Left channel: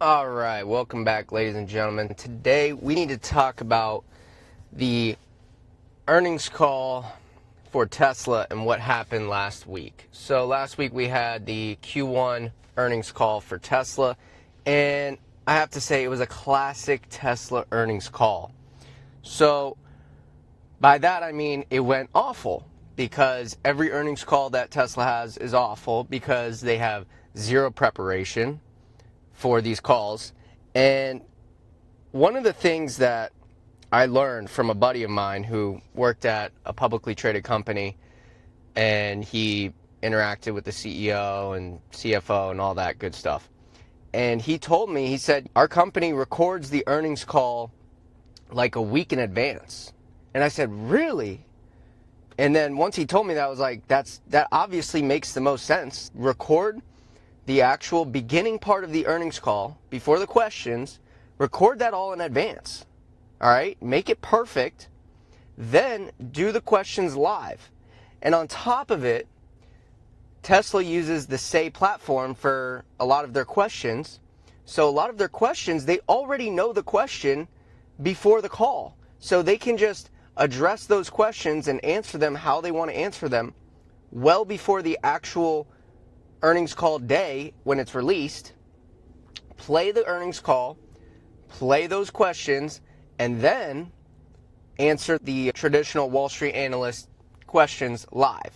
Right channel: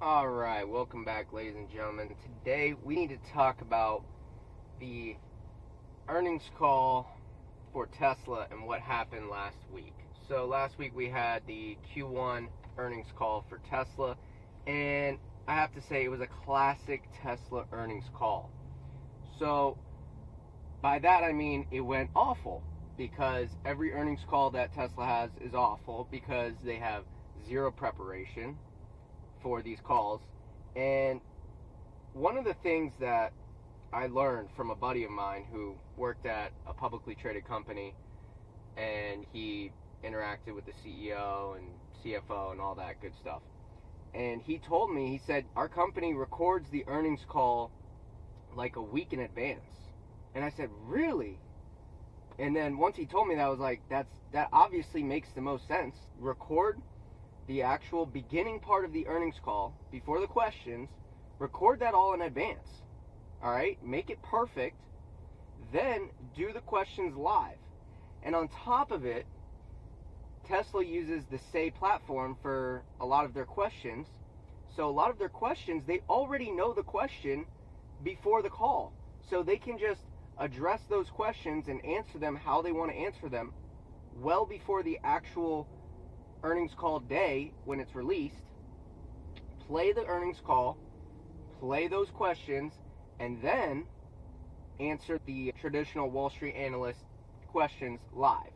All right, welcome back, ladies and gentlemen. Today we need to talk about the earnings call for Tesla and what happened last week. So last week we had the Q1 earnings call for Tesla, and I have to say it was a classic Tesla earnings call. So by that I mean it went awful, because every earnings call that Tesla has is awful because they have zero preparation for these calls. And one of the things that I learned from a buddy of mine who worked at a publicly traded company, and he interacted with the CEO and CFO and all that good stuff. And he told me, he said, our company records the earnings call like a week in advance. And I said, really? And then once he told me that, I was like, that obviously makes the most sense. Record the actual beginning part of the earnings call before the questions, record that all in advance. All right, make it perfect, then do the questions live. And on top of it, Tesla uses the Say platform for a lot of their questions. So a lot of their questions, they already know the question before the call. So they can just address those questions and answer them how they want to answer them well before the actual earnings call day when it's released. Play the earnings call, play those questions, and then answer the traditional Wall Street analyst questions live.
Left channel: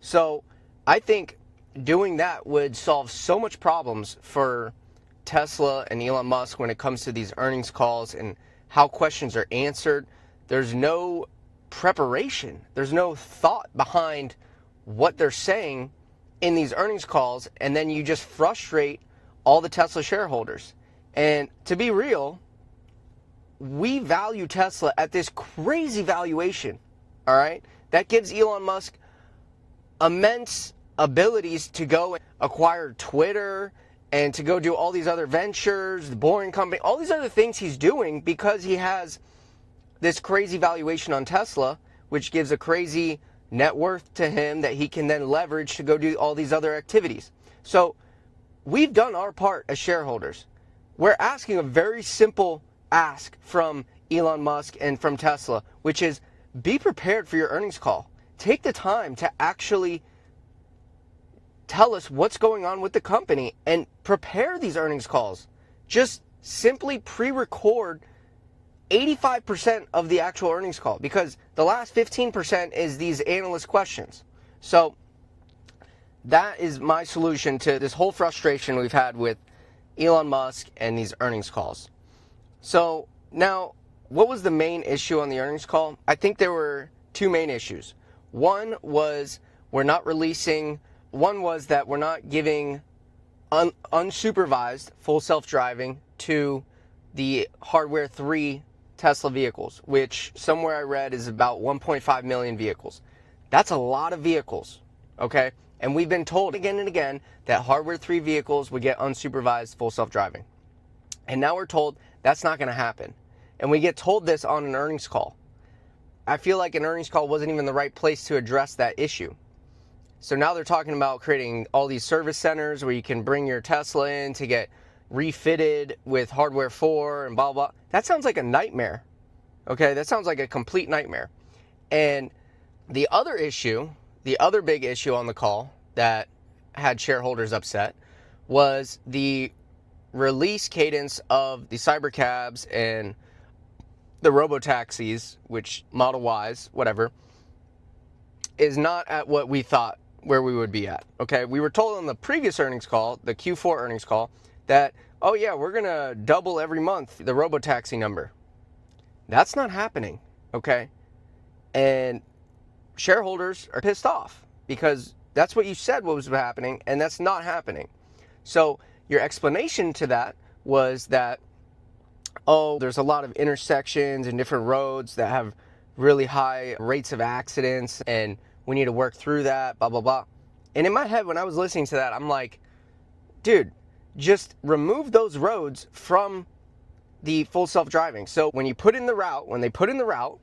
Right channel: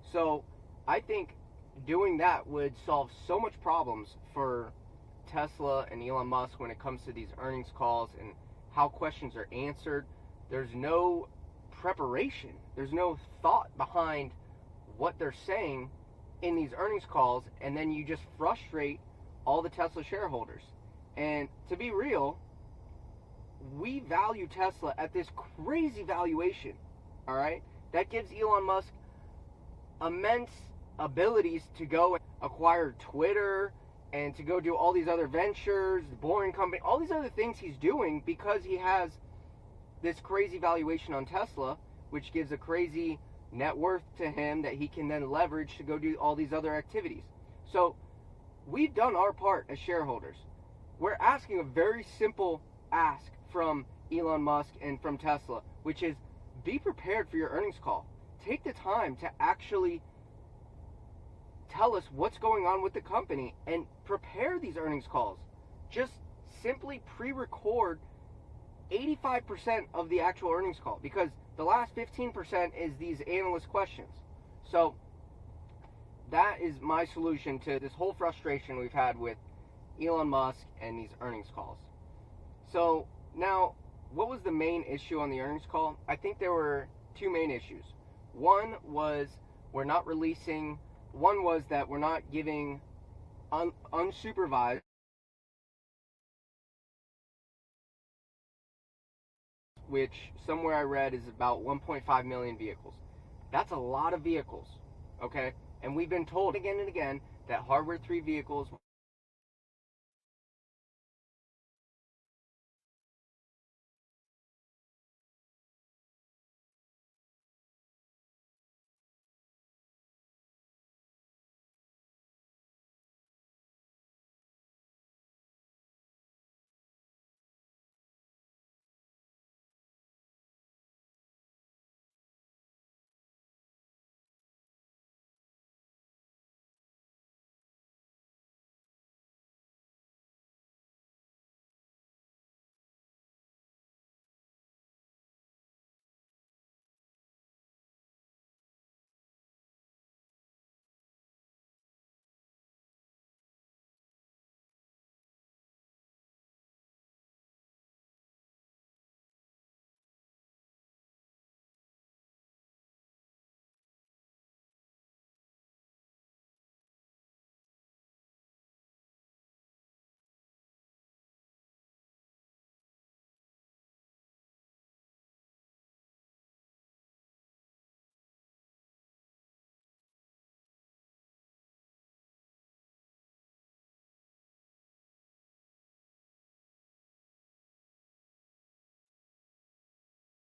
So I think doing that would solve so much problems for Tesla and Elon Musk when it comes to these earnings calls and how questions are answered. There's no preparation. There's no thought behind what they're saying in these earnings calls, and then you just frustrate all the Tesla shareholders. And to be real, we value Tesla at this crazy valuation, all right? That gives Elon Musk immense abilities to go acquire Twitter and to go do all these other ventures, the Boring Company, all these other things he's doing because he has this crazy valuation on Tesla, which gives a crazy net worth to him that he can then leverage to go do all these other activities. So we've done our part as shareholders. We're asking a very simple ask from Elon Musk and from Tesla, which is be prepared for your earnings call. Take the time to actually tell us what's going on with the company and prepare these earnings calls. Just simply pre-record 85% of the actual earnings call, because the last 15% is these analyst questions. So that is my solution to this whole frustration we've had with Elon Musk and these earnings calls. So now, what was the main issue on the earnings call? I think there were two main issues. One was that we're not giving unsupervised full self-driving to the hardware 3 Tesla vehicles, which somewhere I read is about 1.5 million vehicles. That's a lot of vehicles, okay? And we've been told again and again that hardware 3 vehicles would get unsupervised full self-driving. And now we're told that's not going to happen. And we get told this on an earnings call. I feel like an earnings call wasn't even the right place to address that issue. So now they're talking about creating all these service centers where you can bring your Tesla in to get refitted with hardware 4 and blah, blah. That sounds like a nightmare. Okay, that sounds like a complete nightmare. And the other big issue on the call that had shareholders upset was the release cadence of the cybercabs and the robotaxis, which Model Ys, whatever, is not at what we thought where we would be at. Okay, we were told on the previous earnings call, the Q4 earnings call, that, oh yeah, we're going to double every month the robotaxi number. That's not happening, okay? And shareholders are pissed off because that's what you said was happening, and that's not happening. So your explanation to that was that, oh, there's a lot of intersections and different roads that have really high rates of accidents, and we need to work through that, blah, blah, blah. And in my head, when I was listening to that, I'm like, dude, just remove those roads from the full self-driving. So when they put in the route,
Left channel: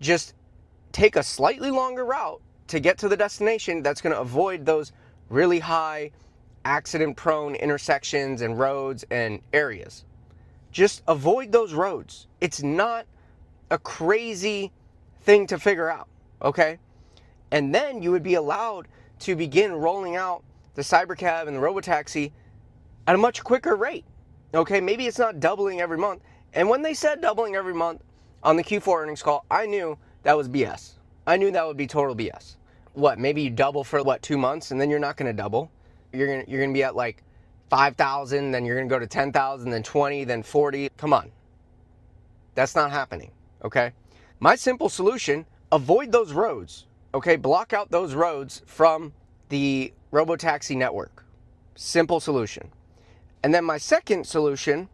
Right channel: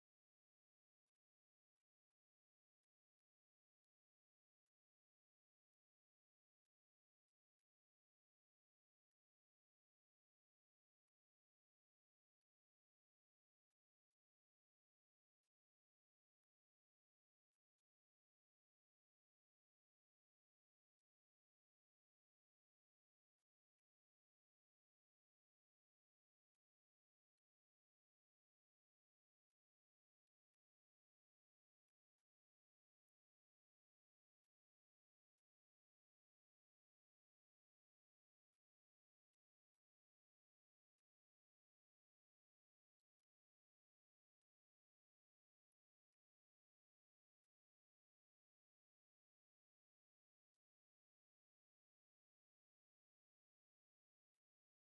just take a slightly longer route to get to the destination that's going to avoid those really high accident-prone intersections and roads and areas. Just avoid those roads. It's not a crazy thing to figure out, okay? And then you would be allowed to begin rolling out the cybercab and the robotaxi at a much quicker rate, okay? Maybe it's not doubling every month. And when they said doubling every month on the Q4 earnings call, I knew that was BS. I knew that would be total BS. What, maybe you double for 2 months and then you're not gonna double. You're gonna be at like 5,000, then you're gonna go to 10,000, then 20, then 40. Come on. That's not happening, okay? My simple solution, avoid those roads, okay? Block out those roads from the robotaxi network. Simple solution. And then my second solution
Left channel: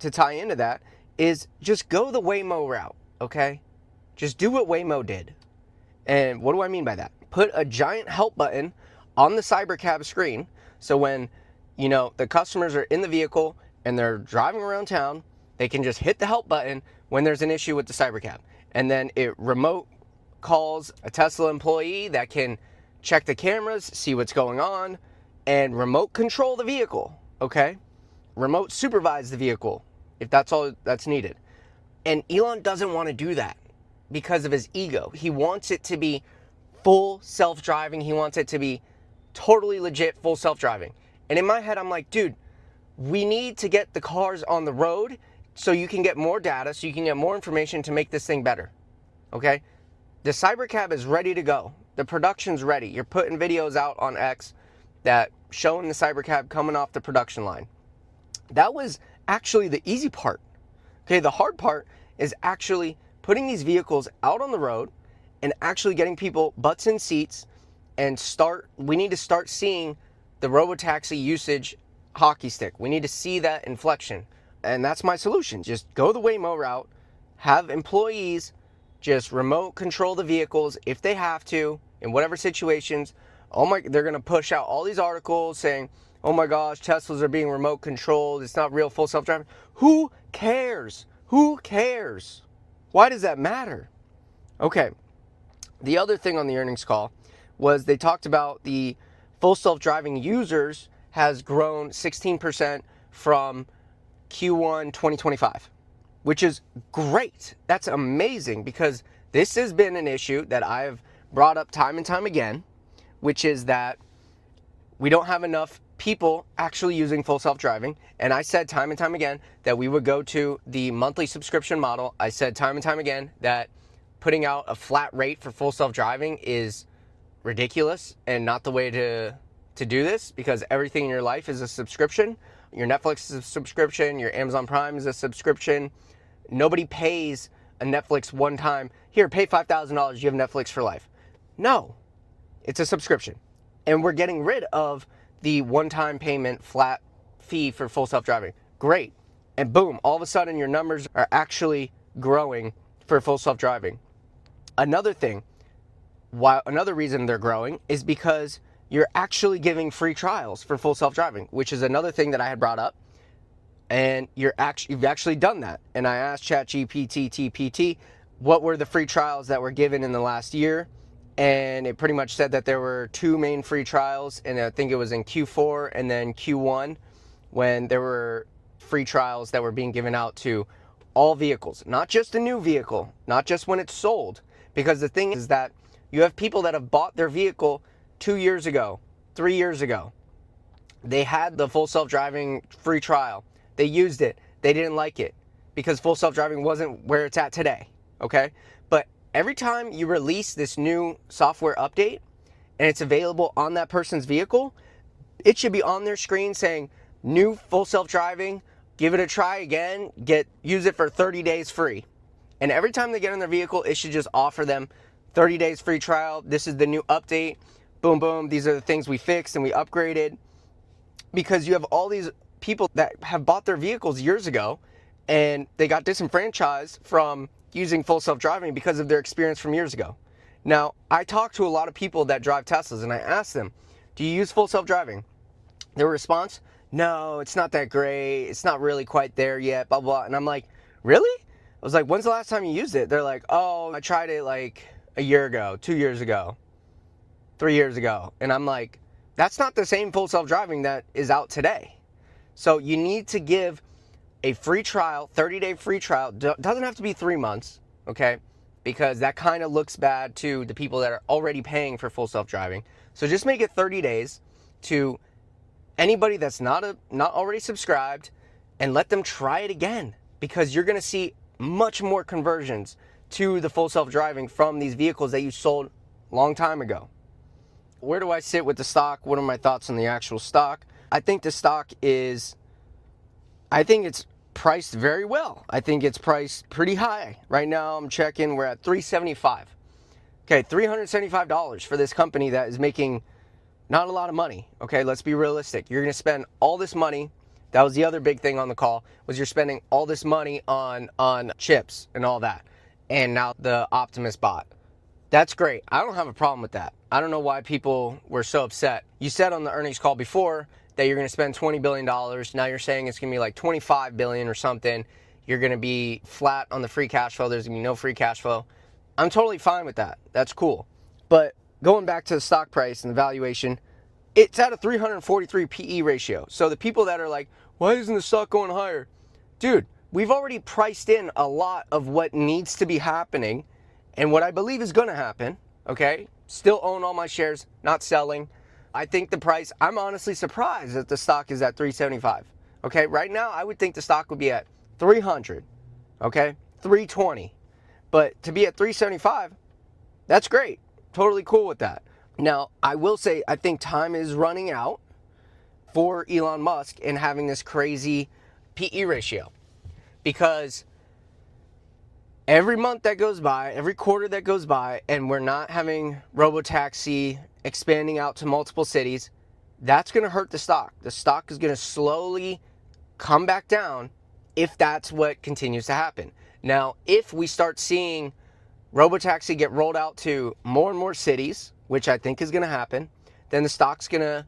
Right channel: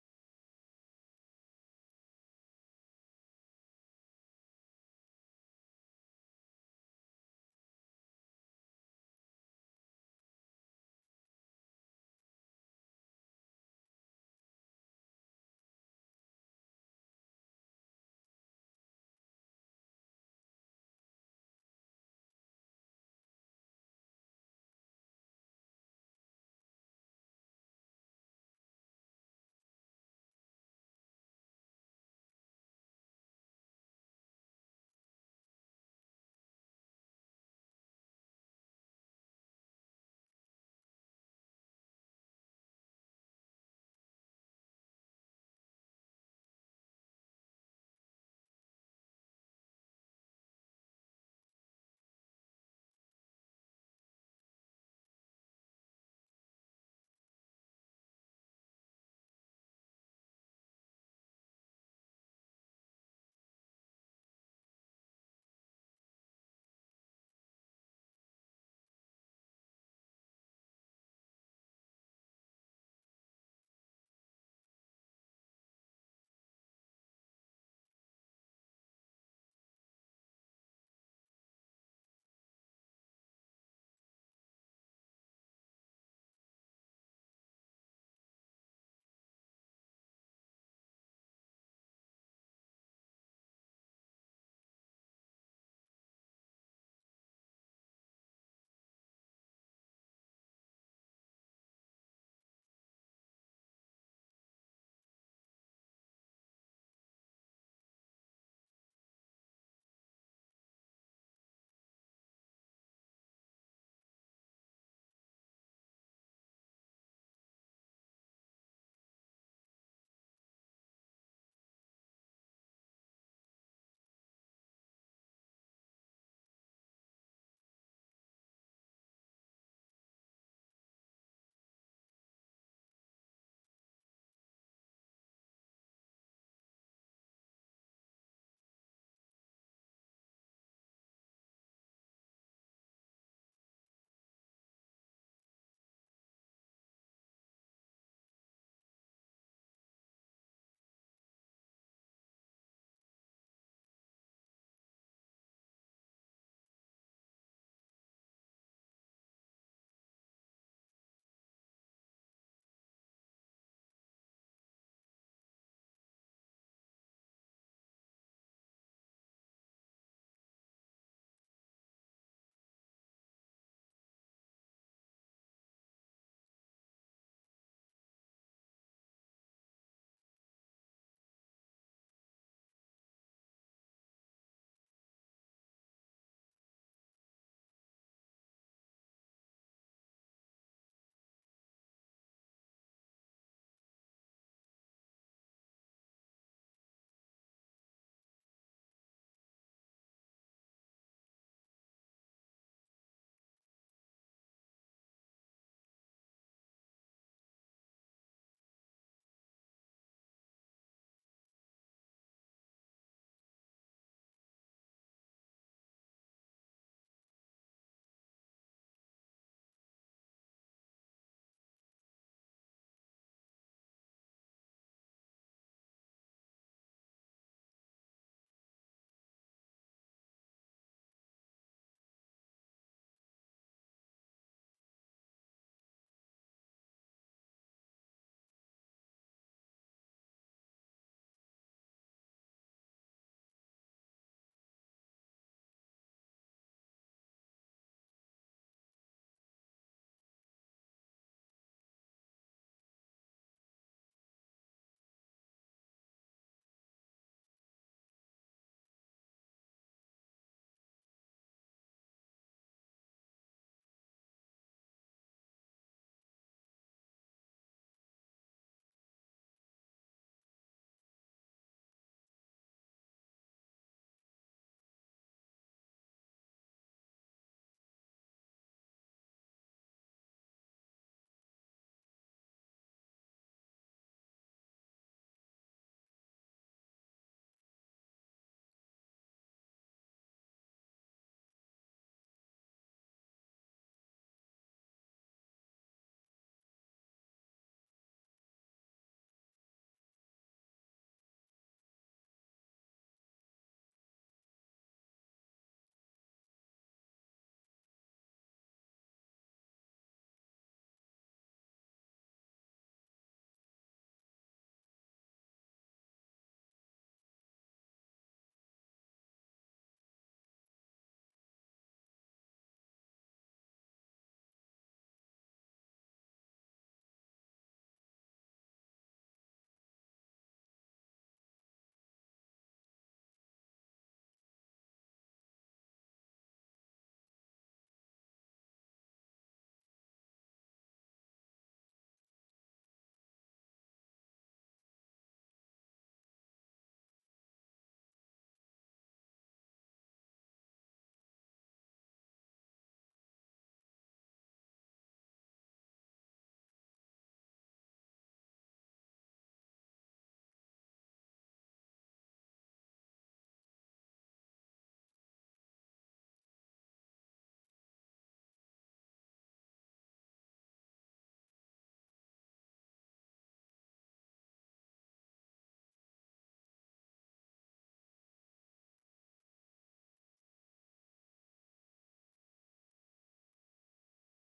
to tie into that is just go the Waymo route, okay? Just do what Waymo did. And what do I mean by that? Put a giant help button on the cybercab screen, so when, the customers are in the vehicle and they're driving around town, they can just hit the help button when there's an issue with the cybercab. And then it remote calls a Tesla employee that can check the cameras, see what's going on, and remote control the vehicle, okay? Remote supervise the vehicle if that's all that's needed. And Elon doesn't want to do that because of his ego. He wants it to be full self-driving. He wants it to be totally legit full self-driving. And in my head, I'm like, dude, we need to get the cars on the road so you can get more data, so you can get more information to make this thing better, okay? The cybercab is ready to go. The production's ready. You're putting videos out on X that showing the cybercab coming off the production line. That was actually the easy part. Okay, the hard part is actually putting these vehicles out on the road and actually getting people butts in seats and we need to start seeing the robotaxi usage hockey stick. We need to see that inflection. And that's my solution. Just go the Waymo route, have employees just remote control the vehicles if they have to in whatever situations. They're going to push out all these articles saying, oh my gosh, Teslas are being remote controlled. It's not real full self-driving. Who cares? Who cares? Why does that matter? Okay. The other thing on the earnings call was they talked about the full self-driving users has grown 16% from Q1 2025, which is great. That's amazing because this has been an issue that I've brought up time and time again, which is that we don't have enough people actually using full self-driving. And I said time and time again that we would go to the monthly subscription model. I said time and time again that putting out a flat rate for full self-driving is ridiculous and not the way to do this, because everything in your life is a subscription. Your Netflix is a subscription. Your Amazon Prime is a subscription. Nobody pays a Netflix one time. Here, pay $5,000. You have Netflix for life. No, it's a subscription. And we're getting rid of the one-time payment flat fee for full self-driving. Great. And boom, all of a sudden your numbers are actually growing for full self-driving. Another reason they're growing is because you're actually giving free trials for full self-driving, which is another thing that I had brought up. And you've actually done that. And I asked ChatGPT, what were the free trials that were given in the last year? And it pretty much said that there were 2 main free trials, and I think it was in Q4 and then Q1 when there were free trials that were being given out to all vehicles, not just a new vehicle, not just when it's sold. Because the thing is that you have people that have bought their vehicle 2 years ago, 3 years ago. They had the full self-driving free trial. They used it. They didn't like it because full self-driving wasn't where it's at today, okay? But every time you release this new software update and it's available on that person's vehicle, it should be on their screen saying, new full self-driving, give it a try again, use it for 30 days free. And every time they get in their vehicle, it should just offer them 30 days free trial. This is the new update. Boom, boom. These are the things we fixed and we upgraded. Because you have all these people that have bought their vehicles years ago and they got disenfranchised from using full self-driving because of their experience from years ago. Now, I talked to a lot of people that drive Teslas and I asked them, do you use full self-driving? Their response, no, it's not that great. It's not really quite there yet, blah, blah. And I'm like, really? I was like, when's the last time you used it? They're like, oh, I tried it like a year ago, 2 years ago, 3 years ago. And I'm like, That's not the same full self-driving that is out today. So you need to give a free trial, 30-day free trial. Doesn't have to be 3 months, okay? Because that kind of looks bad to the people that are already paying for full self-driving. So just make it 30 days to anybody that's not already subscribed, and let them try it again, because you're going to see much more conversions to the full self-driving from these vehicles that you sold a long time ago. Where do I sit with the stock? What are my thoughts on the actual stock? I think the stock is, I think it's priced very well. I think it's priced pretty high. Right now I'm checking, we're at $375. Okay, $375 for this company that is making not a lot of money. Okay, let's be realistic. You're going to spend all this money. That was the other big thing on the call, was you're spending all this money on chips and all that. And now the Optimus bot. That's great. I don't have a problem with that. I don't know why people were so upset. You said on the earnings call before that you're going to spend $20 billion. Now you're saying it's going to be like $25 billion or something. You're going to be flat on the free cash flow. There's going to be no free cash flow. I'm totally fine with that. That's cool. But going back to the stock price and the valuation, it's at a 343 PE ratio. So the people that are like, why isn't the stock going higher? Dude, we've already priced in a lot of what needs to be happening and what I believe is going to happen, okay? Still own all my shares, not selling. I think the price, I'm honestly surprised that the stock is at 375, okay? Right now, I would think the stock would be at 300, okay? 320. But to be at 375, that's great. Totally cool with that. Now, I will say, I think time is running out for Elon Musk in having this crazy PE ratio, because every month that goes by, every quarter that goes by, and we're not having Robotaxi expanding out to multiple cities, that's going to hurt the stock. The stock is going to slowly come back down if that's what continues to happen. Now, if we start seeing Robotaxi get rolled out to more and more cities, which I think is going to happen, then the stock's going to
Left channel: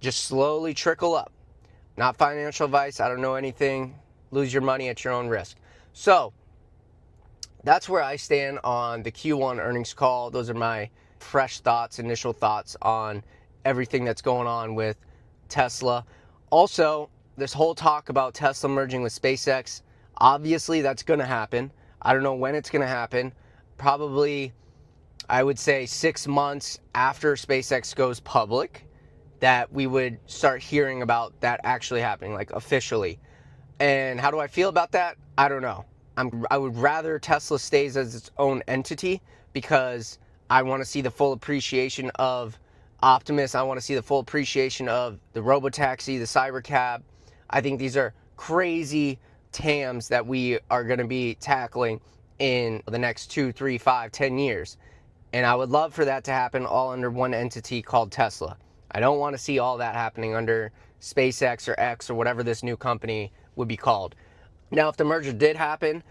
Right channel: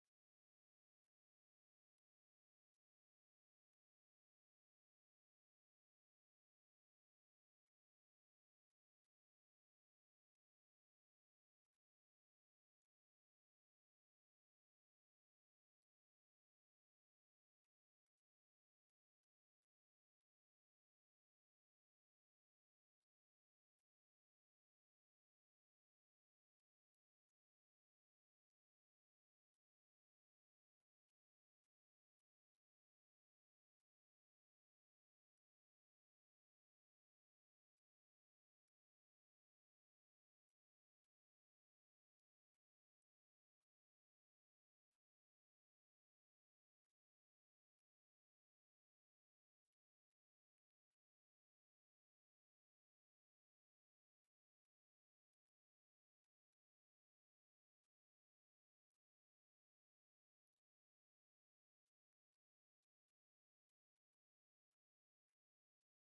just slowly trickle up. Not financial advice. I don't know anything. Lose your money at your own risk. So that's where I stand on the Q1 earnings call. Those are my fresh thoughts, initial thoughts on everything that's going on with Tesla. Also, this whole talk about Tesla merging with SpaceX, obviously that's going to happen. I don't know when it's going to happen. Probably, I would say 6 months after SpaceX goes public, that we would start hearing about that actually happening, like officially. And how do I feel about that? I don't know. I would rather Tesla stays as its own entity, because I want to see the full appreciation of Optimus. I want to see the full appreciation of the Robotaxi, the cybercab. I think these are crazy TAMs that we are going to be tackling in the next 2, 3, 5, 10 years. And I would love for that to happen all under one entity called Tesla. I don't want to see all that happening under SpaceX or X or whatever this new company would be called. Now, if the merger did happen,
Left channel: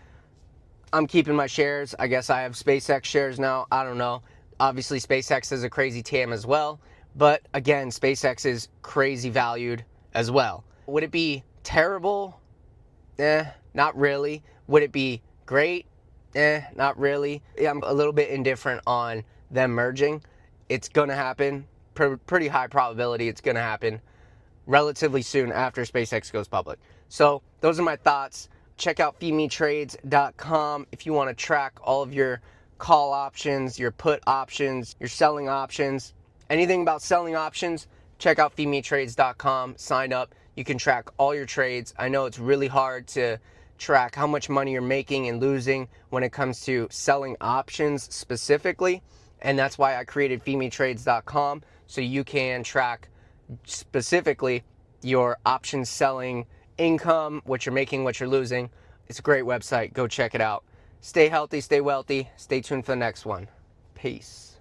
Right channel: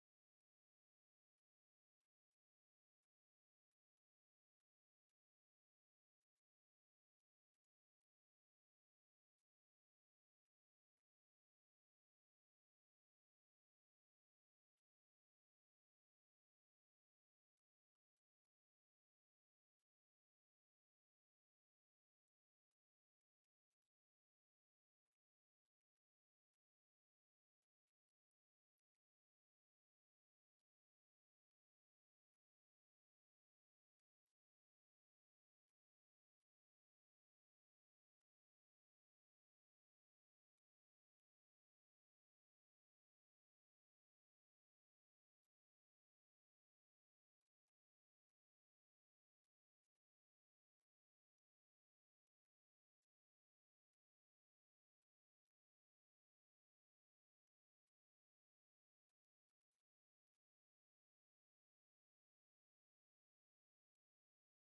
I'm keeping my shares. I guess I have SpaceX shares now. I don't know. Obviously, SpaceX is a crazy TAM as well. But again, SpaceX is crazy valued as well. Would it be terrible? Not really. Would it be great? Not really. Yeah, I'm a little bit indifferent on them merging. It's going to happen. Pretty high probability it's going to happen relatively soon after SpaceX goes public. So those are my thoughts. Check out feedmetrades.com if you want to track all of your call options, your put options, your selling options, anything about selling options. Check out feedmetrades.com. Sign up. You can track all your trades. I know it's really hard to track how much money you're making and losing when it comes to selling options specifically, and that's why I created feedmetrades.com, so you can track specifically your option selling income, what you're making, what you're losing. It's a great website. Go check it out. Stay healthy, stay wealthy. Stay tuned for the next one. Peace.